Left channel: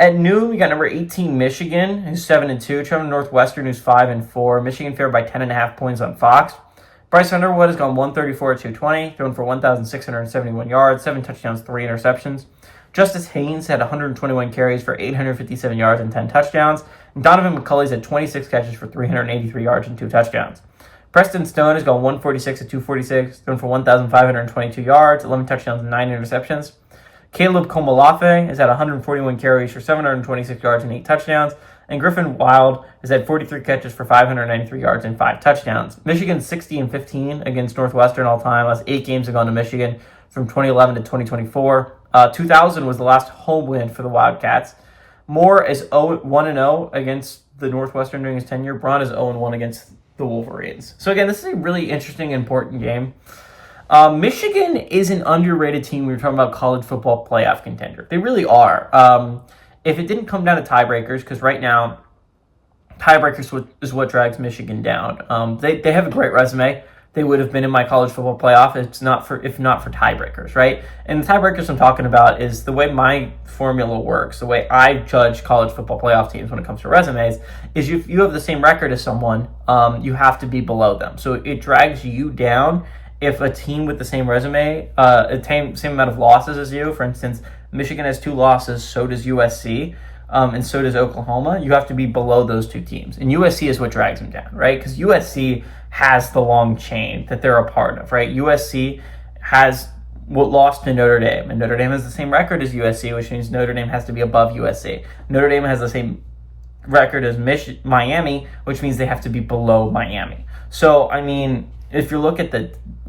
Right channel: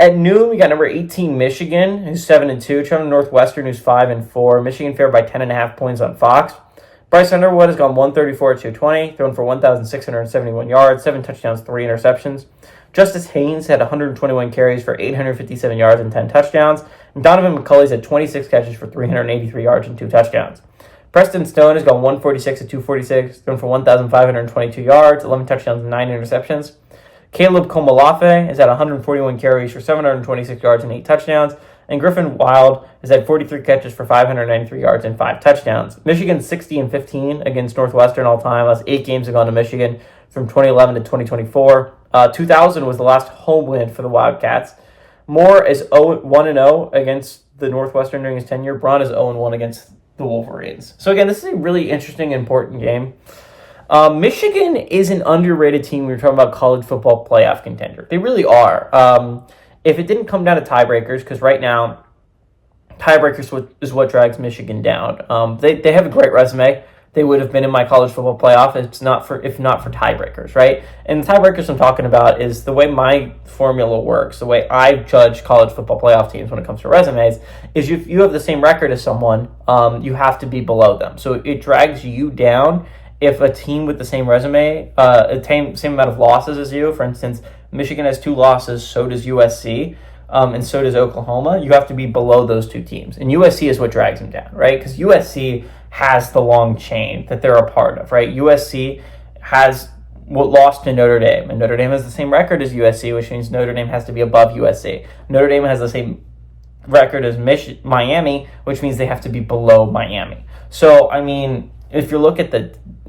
At noon, we got number 18, Michigan, who's 7-2. Trevor Northwestern, who's 5-4. Michigan favored by 10.5 points on Fox. Bryce Underwood has gone 134 220, thrown for 1,671 yards, 7 touchdowns, 3 interceptions. Justice Haynes had 121 carries for 857 yards and 10 touchdowns. And Donovan McCulley's had 26 catches for 383 yards and 2 touchdowns. Preston Stone has gone 146 246, thrown for 1,522 yards, 11 touchdowns, and 9 interceptions. Caleb Komalafe has had 141 carries for 726 yards and 8 touchdowns. And Griffin Wild has had 43 catches for 593 yards and 5 touchdowns. Michigan's 60-15 against Northwestern all time. Last 8 games have gone to Michigan from 2011 to 2024. 2000 was the last home win for the Wildcats. Moore is 1-0 against the Northwestern during his tenure. Braun is 0-1 against the Wolverines. So again, this is a really interesting, important game. Michigan is an underrated team. We were talking about college football playoff contender. They really are. If it didn't come down to tiebreakers, because right now, tiebreakers is what drags Michigan down. They have a great resume. They would have been in my college football playoff if not for tiebreakers, right? And the tiebreakers I'm talking about is the way my formula works, the way I judge college football playoff teams when it comes to resumes, is if you have the same record as someone, you have to be below them. So it drags you down if a team with the same resume, same amount of losses as you, for instance, Michigan has 2 losses, so does USC, and so does Oklahoma. You have to be below those 2 teams. And USC is what drags them down, right? Because USC has the long chain that they're a part of, right? USC has what lost to Notre Dame, and Notre Dame has the same record as USC, which means Notre Dame has to be above USC. Notre Dame has the same record as Miami, which means they have to be below Miami. So, I mean, if you look at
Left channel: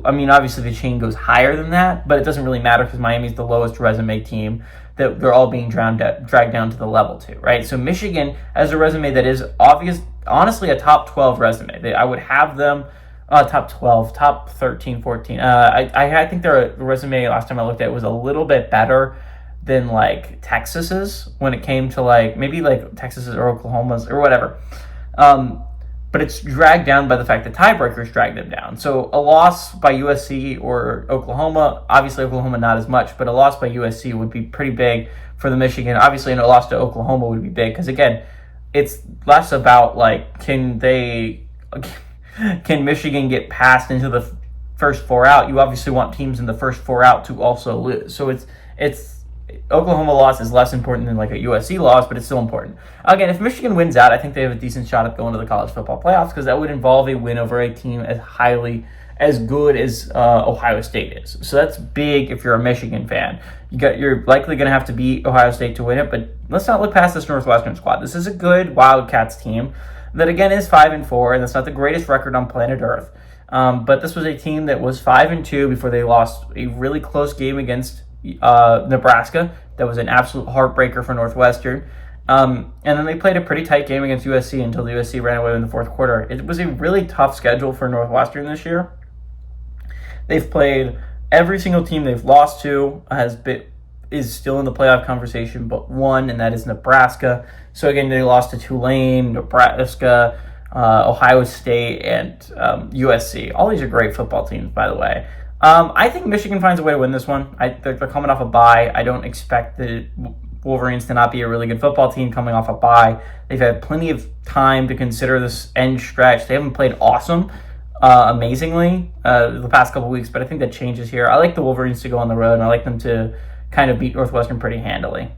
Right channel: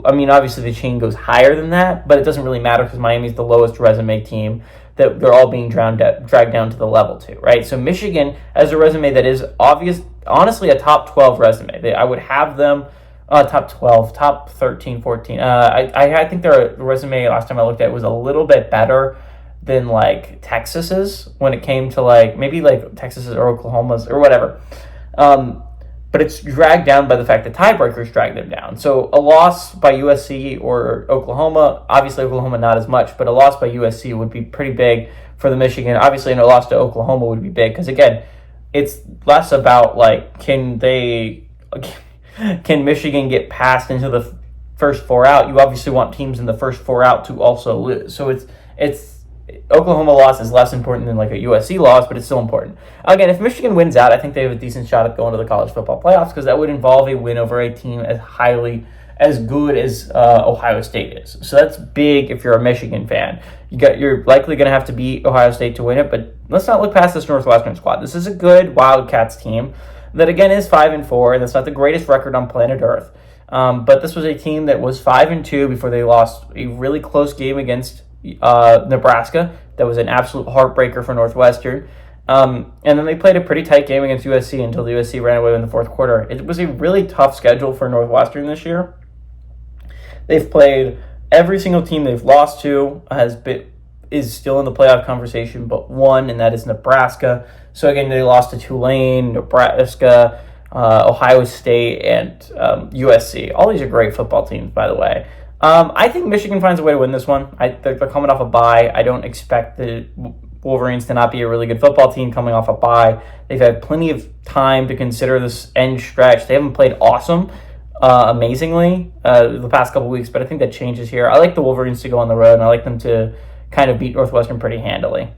obviously the chain goes higher than that, but it doesn't really matter because Miami's the lowest resume team that they're all being dragged down to the level to, right? So Michigan has a resume that is honestly a top 12 resume. I would have them top 12, top 13, 14. I think their resume last time I looked at it was a little bit better than like Texas's when it came to like maybe like Texas's or Oklahoma's or whatever. But it's dragged down by the fact that tiebreakers drag them down. So a loss by USC or Oklahoma, obviously Oklahoma not as much, but a loss by USC would be pretty big for the Michigan. Obviously, a loss to Oklahoma would be big because, again, it's less about, like, can Michigan get passed into the first 4 out? You obviously want teams in the first 4 out to also lose. So it's Oklahoma loss is less important than like a USC loss, but it's still important. Again, if Michigan wins out, I think they have a decent shot at going to the college football playoffs because that would involve a win over a team as good as Ohio State is. So that's big if you're a Michigan fan. You're likely going to have to beat Ohio State to win it, but let's not look past this Northwestern squad. This is a good Wildcats team that again is 5-4, and that's not the greatest record on planet Earth. But this was a team that was 5-2 before they lost a really close game against Nebraska. That was an absolute heartbreaker for Northwestern. And then they played a pretty tight game against USC until the USC ran away in the fourth quarter. It was a really tough schedule for Northwestern this year. They've played every single team they've lost to is still in the playoff conversation, but one, and that is Nebraska. So again, they lost to Tulane, Nebraska, Ohio State, and USC. All these are great football teams, by the way. I think Michigan finds a way to win this one. They're coming off a bye. I don't expect the Wolverines to not be a really good football team coming off a bye. They've had plenty of time to consider this end stretch. They haven't played amazingly the past couple weeks, but I think that changes here. I like the Wolverines to go on the road, and I like them to kind of beat Northwestern pretty handily.